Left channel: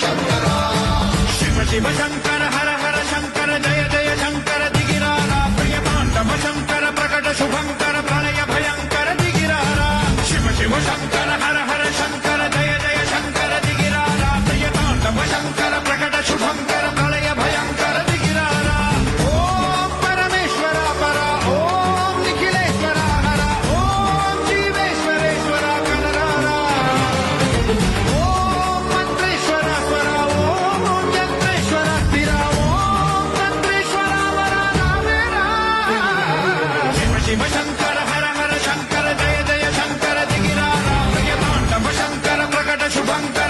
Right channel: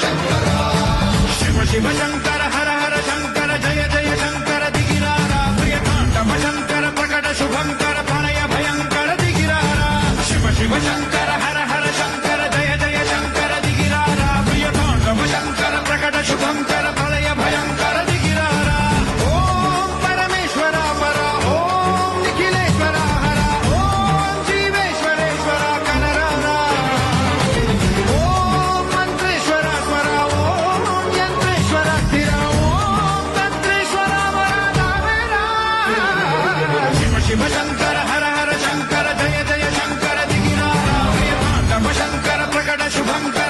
शिव शिव शंकर हर हर शंकर जय जय शंकर दिगिरारा प्रिय तांडव शंकर प्रकट शुभंकर प्रणय भयंकर दिगिरारा शिव शिव शंकर हर हर शंकर जय जय शंकर दिगिरारा प्रिय तांडव शंकर प्रकट शुभंकर प्रणय भयंकर दिगिरारा ओम परमेश्वर पर ओम निखिलेश्वर हर ओम जीवेश्वरेश्वर कररारा ओम मंत्रेश्वर पर ओम यंत्रेश्वर स्थिर ओम तंत्रेश्वर वरदानरा शिव शिव शंकर हर हर शंकर जय जय शंकर दिगिरारा प्रिय तांडव शंकर प्रकट शुभंकर